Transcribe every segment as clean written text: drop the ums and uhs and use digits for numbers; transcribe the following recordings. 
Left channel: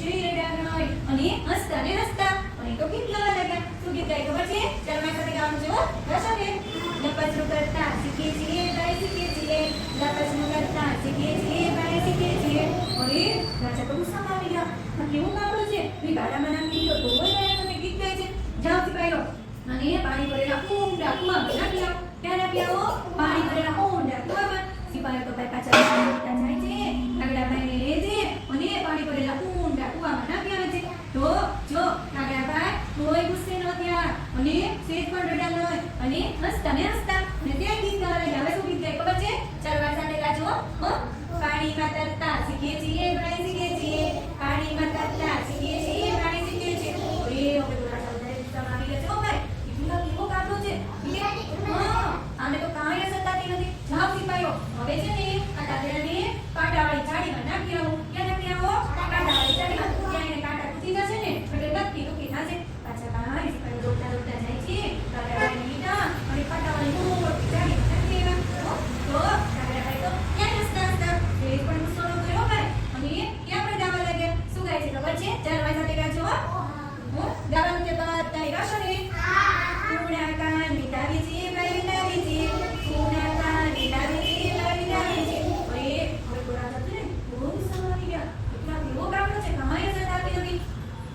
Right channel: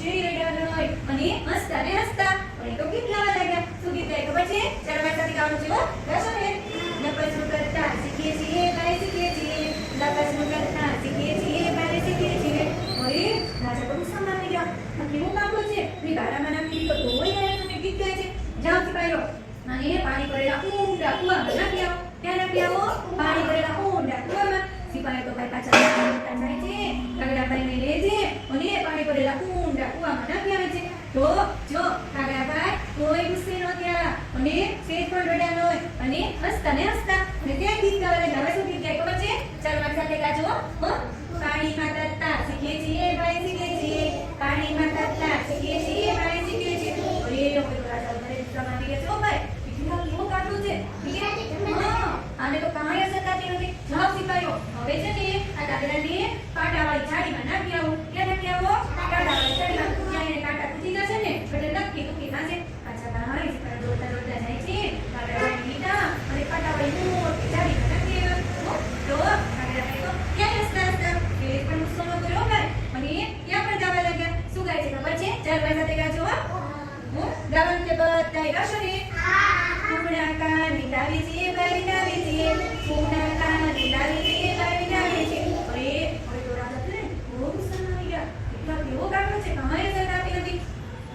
ચીડા નોય અને હસતા ને હસતા અને તો ગીત ગાવા લાગ્યા. શું ગીત ગાય ખબર છે? ચાલવા સાથે ગાવાનું છે હો. ગાશો ને? લપસણું કરતા શીખીએ છીએ, ભાઈ શીખીએ છીએ. લપસણું કરતા શીખીએ છીએ, ભાઈ શીખીએ છીએ. હવે રાજા તો ગુસ્સામાં આવી ગયા. કેવું ગામડું છે? મેં ગાડામાં નાખી તો બોલ તમે ગીત ગાય છે. જાઓ સિપાહીઓ અને પાણી ભરેલા ઊંડા કૂવામાં નાખી આવો. ત્યાં નાખી આવો પાણી ભરેલા ઊંડા કૂવામાં. સિપાહીઓ તો ભાઈ પાછા દોડતા જાય છે. કાગડાભાઈને લે છે અને પાણી ભરેલા ઊંડા કૂવામાં નાખી આવે છે. તો જો કાગડાભાઈ કોઈ ગુસ્સે ન થયા અને સેજ પણ રડ્યા ન હોય અને હસતા ને હસતા અને ત્યાં ગીત ગાવા લાગ્યા. હવે શું ગીત ગાય ખબર છે? ચાલવા સાથે ગાજો હો. પાણીમાં તરતા શીખીએ છીએ, ભાઈ શીખીએ છીએ. પાણીમાં તરતા શીખીએ છીએ, ભાઈ શીખીએ છીએ. અરે હવે તો રાજા વધારે ગુસ્સામાં આવી ગયા છે હો ભાઈ. બીજું કેવો કાઢવું છે? હા આને તો કાંઈ સતાતી નથી. જાઓ સિપાહીઓ હવે છે ને આ દાદરાને કાંટાવાળી જાળીમાં નાખી આવો. ક્યાં નાખી આવો? કાંટાવાળી જાળીમાં. ત્યાં એને કાંટા તૂટી જશે ને એટલે નક્કી તૂટી થશે. પાછા ભાઈ સિપાહીઓ દોડતા દોડતા જાય છે. કાંટાવાળી લીટા અને કાંટાવાળી મોટી જાળીમાં નાખી આવ્યા. તો કાગડાભાઈ તો ત્યાં હસતા હસતા એ પણ ગુસ્સો ન કર્યો ભાઈ અને ત્યાં પણ ગાવા લાગ્યા. શું ગાય છે ખબર છે? ચાલવા સાથે ગાજો હો. ગાવાનું તે બધાય ગાશો ને? કુણા કાન વિતાવી છીએ, ભાઈ વિતાવી છીએ. કુણા કાન વિતાવી છીએ, ભાઈ વિતાવી છીએ. અરે હવે તો રાજા છે ને બહુ ગુસ્સામાં આવી ગયા. એટલા કેવો ગામડો છે કાંઈ સતાતી નથી.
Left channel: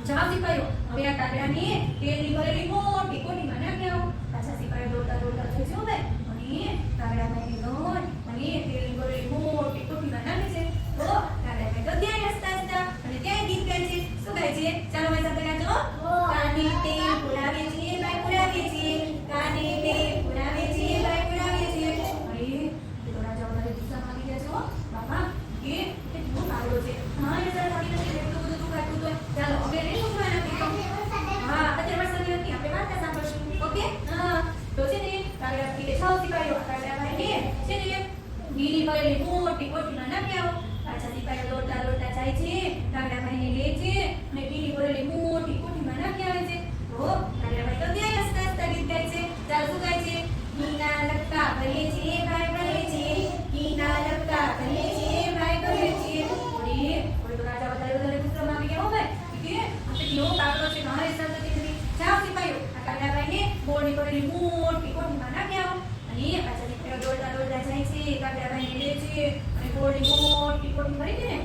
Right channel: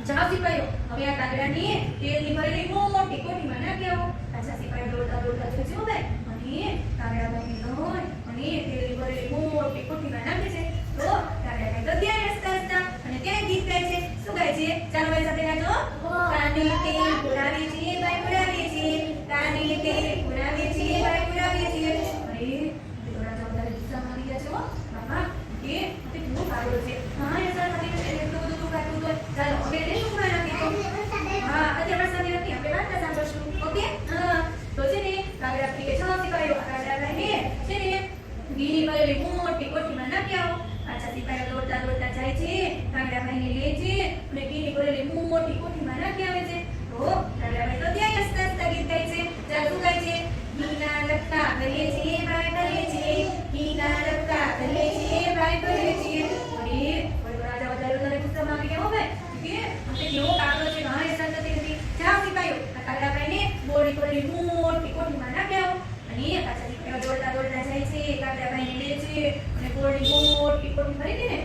જાઓ સિપાહીઓ હવે આ કાગડાની તેલની ભરેલી મોટી કોઠીમાં નાખી આવો. પાછા સિપાહીઓ દોડતા દોડતા જોઈ છે હો ભાઈ અને કાગડાભાઈને લોટ અને તેલની ભરેલી મોટી કોઠીમાં નાખે છે. તો કાગડાભાઈ તો ત્યાં હસતા હસતા અને ત્યાં ગીત ગાય છે. શું ગાય છે? ચાલો ભાઈ સાથે ગાજો. કાને તેલ પુરાવીએ છીએ, ભાઈ પુરાવીએ છીએ. કાને તેલ પુરાવીએ છીએ, ભાઈ પુરાવીએ છીએ. અરે તો રાજા વધારે ગુસ્સામાં આવી ગયા છે હો. બાપા એ કેવો કાગડો છે. હા એ સર સારી રીતે એટલું બધું દુખાતું હોય. ચાલો હવે એને શું નાખી દો. હા અત્યારે વરસાદ નથી આપણે વાર્તા સાંભળશું. ઓકે હા તો છે ને કાગડા પીએ છ સિપાહીઓ કાગડાભાઈને છે ને ઘીની ભરેલી મોટી કોઠીમાં નાખી આવો. પાછા સિપાહીઓ દોડતા દોડતા જાય છે. કાગડાભાઈને લે છે અને ઘીની ભરેલી મોટી કોઠીમાં નાખી આવે છે. તો કાગડાભાઈ તો ત્યાં હસતા હસતા ગીત ગાય છે. ચાલ શું ગાય છે? ઘીના લટકા ભરીએ છીએ, ભાઈ ભરીએ છીએ. ઘીના લટકા ભરીએ છીએ, ભાઈ ભરીએ છીએ. અરે તો રાજા વધારે વધારે ગુસ્સામાં આવી ગયા હો ભાઈ. કે કેવો કાગડો છે ઘાણે સંતતિ નથી. જાઓ સિપાહીઓ આ કાગડાભાઈને બોડી ભરેલી મોટી કોઠીમાં નાખી આવો. અને પાછા સિપાહીઓ દોડતા દોડતા જાય છે. કાગડાભાઈને લે છે અને બોડી મોટી કોઠી ભરી દે ને